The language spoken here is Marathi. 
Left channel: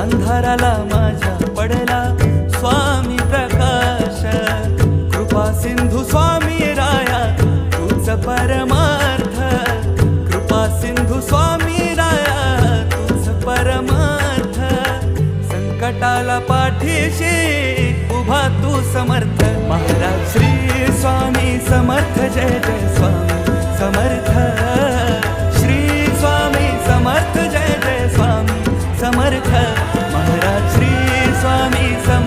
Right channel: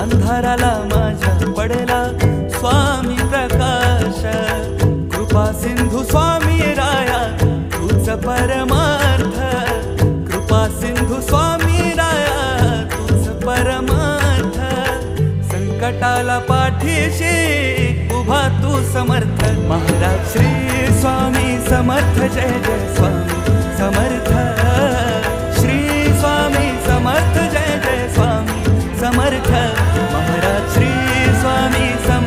अंधाराला माझ्या पडला स्वामी प्रकाश। कृपा सिंधू स्वामी राया तूच परमार्थ, कृपा सिंधू स्वामी राया तूच परमार्थ। संकटाला पाठीशी उभा तू समर्थ, महाराज श्री स्वामी समर्थ। जय जय स्वामी समर्थ, श्री स्वामी समर्थ। जय जय स्वामी समर्थ, महाराज श्री स्वामी समर्थ।